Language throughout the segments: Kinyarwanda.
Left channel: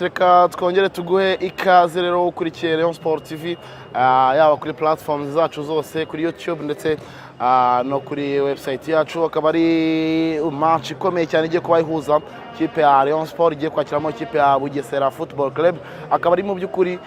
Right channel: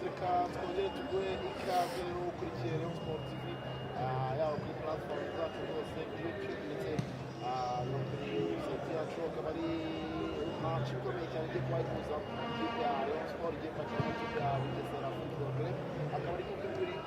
Reka twongere tuguhe ikaze rero ukurikiye Rayon Sport TV yaba kuri platforms zacu zose kuri YouTube ndetse no kuri website yacu. Akaba ari match ikomeye cyane igiye kuba ihuza ikipe ya Rayon Sport igiye kwakiramo ikipe ya Bugesera Football Club. Akaba ari mu by'ukuri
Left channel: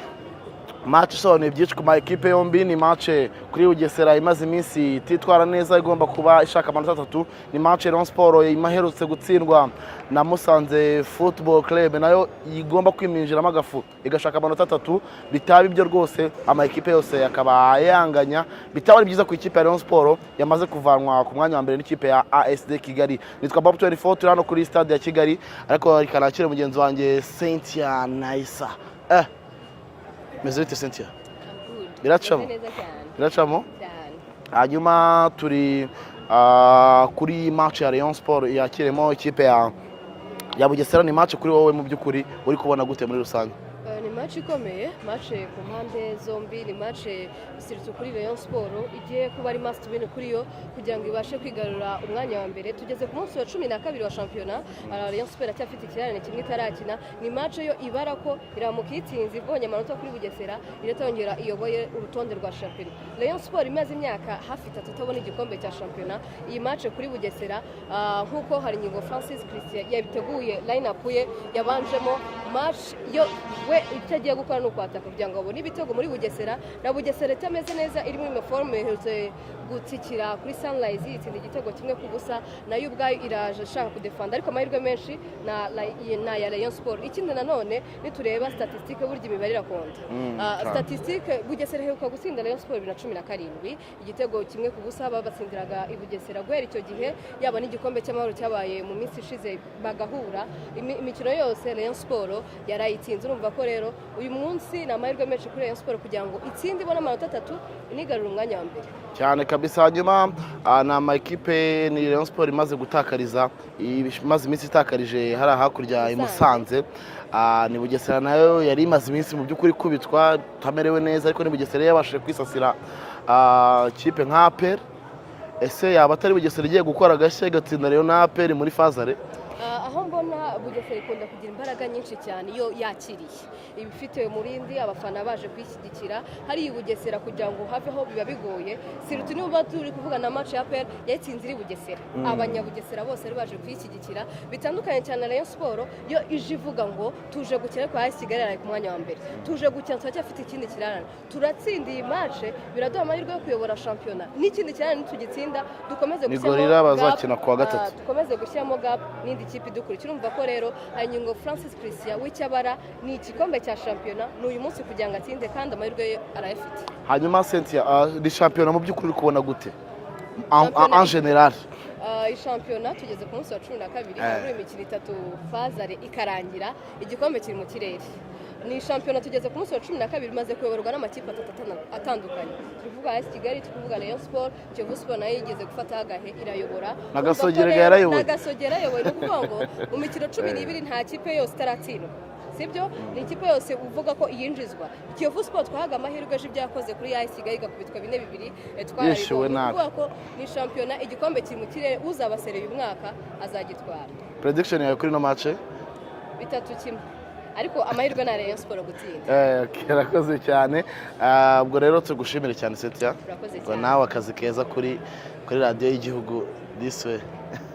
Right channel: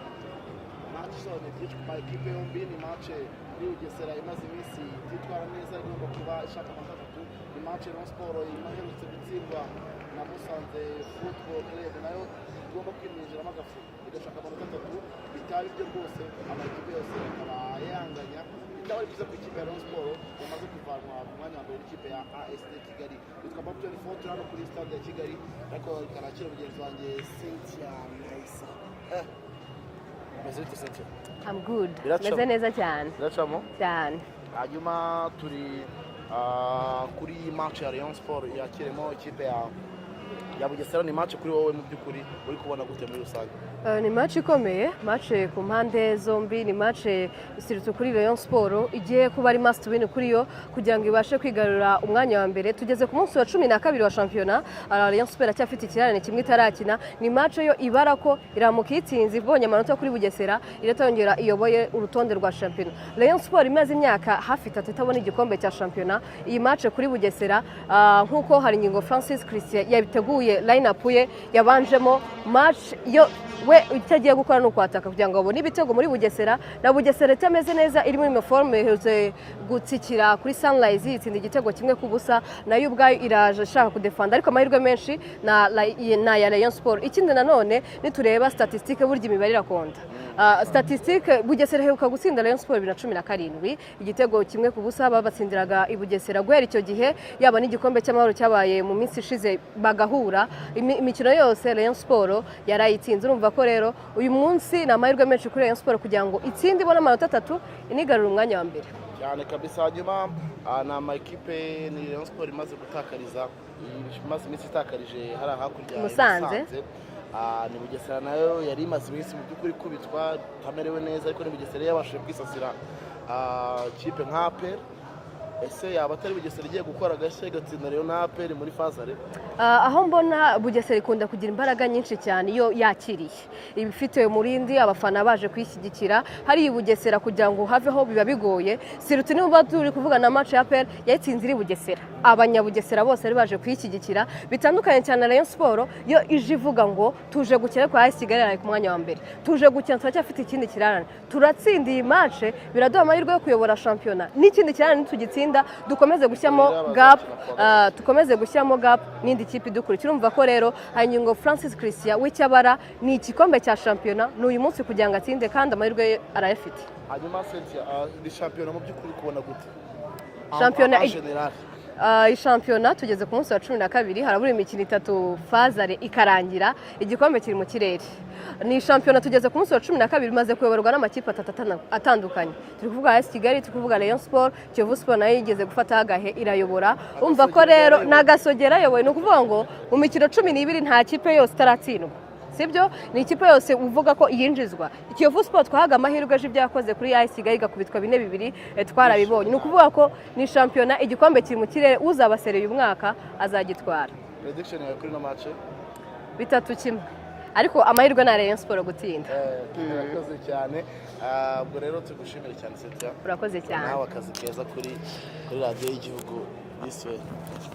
match isobanuye byinshi ku ma ekipe yombi. Ni match kuri Bugesera imaze iminsi ititwara neza, igomba kuba ishaka amanota 3. Ni match Rayon Sport imaherutse gutsindwa na Musanze Football Club, nayo igomba kwiminjiramo agafu igashaka amanota 3. Bitaba ibyo rwose ama ekipe yose akaba yanganya, bitaba ari byiza ku ikipe ya Rayon Sport yamaze kuvanwa ku mwanya wa mbere n'ikipe ya ASD Kigali. Nitwa Bob 24 turi hano kuri stade ya Kigali, ariko rikanakire mugenzi wanjye Cynthia Naisa. Meze bite Cynthia? I'm good. Biracamo? Meze neza cyane. Biracamo? Cyane. Hanyuma turi kuri match ya Rayon Sport yakiremo ikipe ya Bugesera. Ni match kuri wowe mu by'ukuri uri kubona gute muri rusange? Ni match ikomeye, match ku mpande zombi, ni match isiritu kuri Rayon Sport igiye kuba ari must win kuri yo kugira ngo ibashe kwigarura umwanya wa mbere. Tugeze ku munsi wa 12 wa shampiyona, Rayon Sport acyafite ikirarane kimwe itarakina. Ni match yo ibara ko iramuka itsinzi ibonye amanota kuri Bugesera iratongera iyoboye urutonde rwa shampiyona. Rayon Sport imaze imyaka hafi 3 itabona igikombe cya shampiyona. Iyi match kuri Bugesera nkuko hari ingingo Francis Christian yabiteguye line up ye yabanjemo match yo we itagiye gukora no kwataka kugira ngo abone ibitego muri Bugesera. Na Bugesera itameze neza iri muri forme iherutse gutsikira kuri Sunrise itsinda igitego kimwe ku busa, nayo ubwayo iraje ashaka kudefanda, ariko amahirwe menshi na ya Rayon Sport. Ikindi nanone nitureba statistique burya imibare irakonda. Statistique Bugesera heruka gutsinda Rayon Sport 2017 igitego kimwe ku busa, babatsindiraga i Bugesera guhera icyo gihe, yaba n'igikombe cy'amahoro cyabaye mu minsi ishize bagahura. Imikino yose Rayon Sport yarayitsinze. Urumva ko rero uyu munsi na amahirwe menshi kuri Rayon Sport kugira ngo itsinde ibone amanota 3 inigarura umwanya wa mbere cyane kabisa. Hanyuma na ama ekipe ni Rayon Sport imaze gutakariza, imaze iminsi itakarije hari hakurya i Musanze. Ni Bugesera nayo yari imaze iminsi mu by'ukuri kubitwa tamerewe neza, ariko ni Bugesera yabashije kwisasira kipe nka APR. Ese yaba atari Bugesera igiye gukora gashya igatsinda rero na APR muri fazare? Aho mbona Bugesera ikunda kugira imbaraga nyinshi cyane iyo yakiriye ibifite umurindi, abafana baje kwishyigikira. Hari Bugesera kugira ngo haveho biba bigoye. Sirutu niba turi kuvuga na match ya APR yatsinze iri Bugesera, abanyabugesera bose ari baje kwishyigikira. Bitandukanye cyane na Rayon Sport yo ije ivuga ngo tuje gukira kwa AS Kigali ku mwanya wa mbere, tuje gukina turacyafite ikindi kirarane, turatsinda iyi match biraduha amahirwe yo kuyobora shampiyona. N'ikindi kirarane tugitsinda dukomeze gushyamo gap, dukomeze gushyamo gap n'indi kipe dukurikira. Urumva ko rero hanyingo Francis Christian w'icyabara ni igikombe cya shampiyona n'uyu munsi kugira ngo atsinde, kandi amahirwe arayafite. Hanyuma Cynthia, ni shampiyona mu by'ukuri kubona gute en general? Shampiyona tugeze ku munsi wa 12, harabura imikino 3 fazare ikarangira, igikombe kiri mu kirere. Ni shampiyona tugeze ku munsi wa 12 maze kuyoborwa n'amakipe atandukanye. Turi kuvuga AS Kigali, turi kuvuga Rayon Sport, Kiyovu Sport nayo igeze gufata agahe irayobora. Umva ko rero nagasogera yoboye, no kuvuga ngo mu mikino 12 nta kipe yose itaratsindwa, sibyo? Ni ikipe yose uvuga ko yinjizwa. Kiyovu Sport twahaga amahirwe ejo by'akoze kuri AS Kigali igakubitwa 4-2 twarabibonye. Ni kuvuga ko ni shampiyona igikombe kiri mu kirere, uzabasereye umwaka azagitwara. Prediction yawe kuri no match? 3-1, ariko amahirwe na Rayon Sport gutsinda. Kirakoze cyane. Ubwo rero tugushimire cyane Cynthia. Urakoze cyane. Nawe akazi keza kuri radio y'igihugu this way.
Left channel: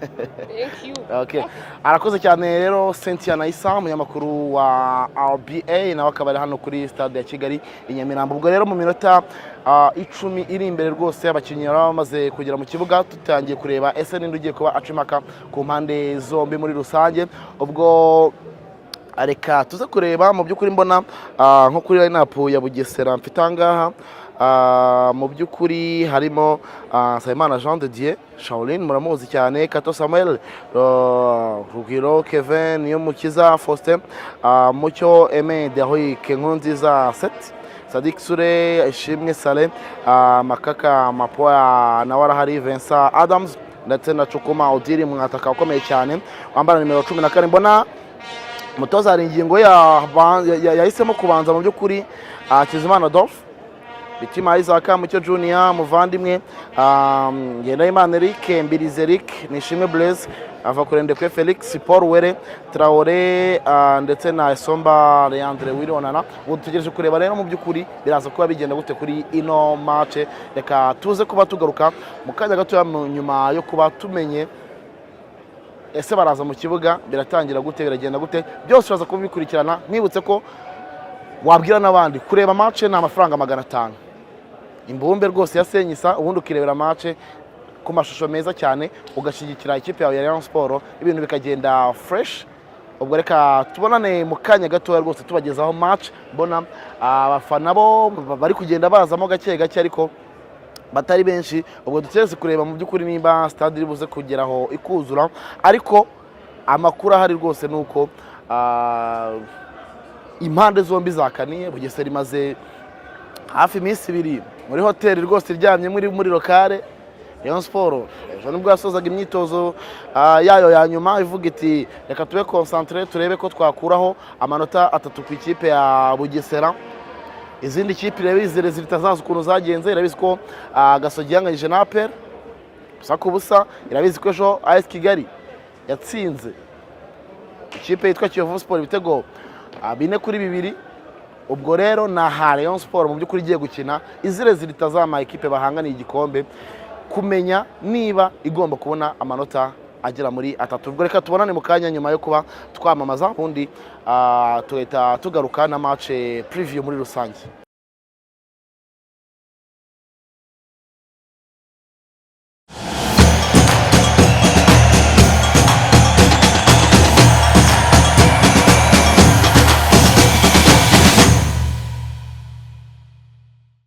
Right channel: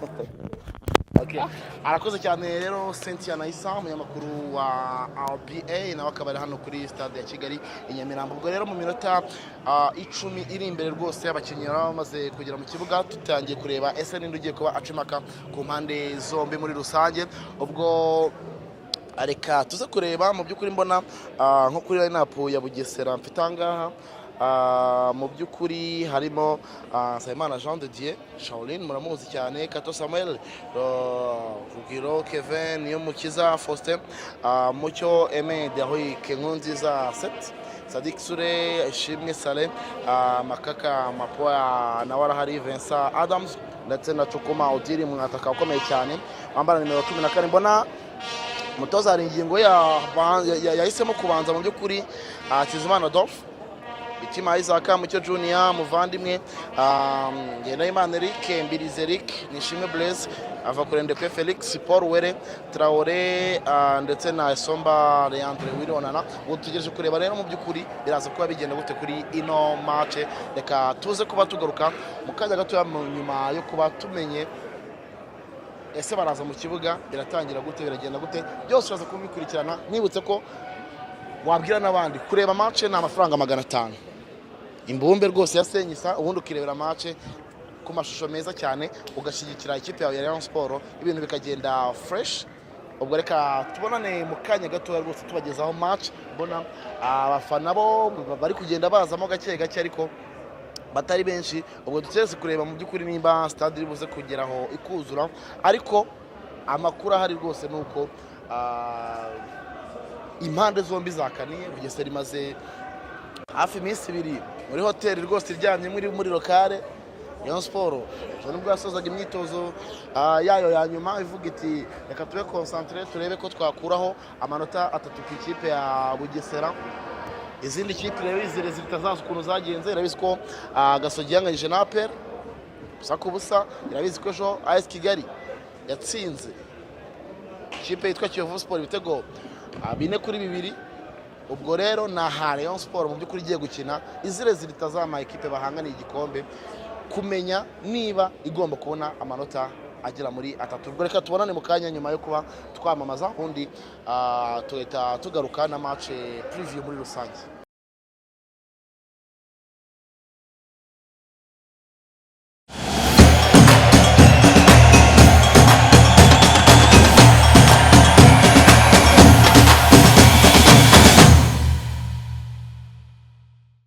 Thank you. Okay. Arakoze cyane rero Cynthia Naisa, umunyamakuru wa RBA, nawe akaba ari hano kuri stade ya Kigali i Nyamirambo. Ubwo rero mu minota 10 iri imbere rwose abakinnyi bamaze kugera mu kibuga, tutangiye kureba ese ninde ugiye kuba acimaka ku mpande zombi muri rusange. Ubwo areka tuze kureba mu by'ukuri mbona nko kuri line up ya Bugesera mfite angaha. Mu by'ukuri harimo Sayimana Jean de Dieu, Shaolin muramuzi cyane, Kato Samuel, Rugiro Kevin, Niyomukiza Faustin, Mucyo Aime Dehoy, Kenkunziza Set, Sadik Sure, Ishimwe Saleh, Makaka Mapoya na warahari Vincent Adams ndetse na Chukuma Odiri mwataka ukomeye cyane wambara nimero 14. Mbona umutoza hari ingingo yahisemo kubanza mu by'ukuri Kizimana Adolphe Bitima Isaac Mucyo Junior muvandimwe, Ngendahimana Eric, Mbirizi Eric, Nishime Blaise, Avakurendekwe Felix, Paul Were, Traore ndetse na Esomba Leandre Wironana. Ubu tugereje kureba rero mu by'ukuri biraza kuba bigenda gute kuri ino match. Reka tuze kuba tugaruka mu kanya gato nyuma yo kuba tumenye ese baraza mu kibuga biratangira gute, biragenda gute, byose uraza kubikurikirana. Nibutse ko wabwira n'abandi kureba match ni amafaranga 500 imbumbe rwose ya Senyisa, ubundi ukirebera match ku mashusho meza cyane, ugashyigikira ikipe yawe ya Rayon Sport, ibintu bikagenda fresh. Ubwo reka tubonane mu kanya gato rwose tubagezaho match. Mbona abafana bo bari kugenda bazamo gake gake ariko batari benshi. Ubwo duteze kureba mu by'ukuri nimba stade iri buze kugeraho ikuzura, ariko amakuru ahari rwose nuko impande zombi zakaniye. Bugesera imaze hafi iminsi 2 muri hoteli rwose iryamye muri lokale. Rayon Sport ejo nibwo yasozaga imyitozo yayo ya nyuma ivuga iti reka tube concentré turebe ko twakuraho amanota 3 ku ikipe ya Bugesera. Izindi kipe irabizi zitazaza ukuntu zagenze, irabizi ko Gasogi yanganyije na APR gusa ku busa, irabizi ko ejo AS Kigali yatsinze ikipe yitwa Kiyovu Sport ibitego 4-2. Ubwo rero na Rayon Sport mu by'ukuri igiye gukina izire zitazama ikipe bahanganiye igikombe, kumenya niba igomba kubona amanota agera muri 3. Ubwo reka tubonane mu kanya nyuma yo kuba twamamaza, ubundi tuhita tugaruka na match preview muri rusange.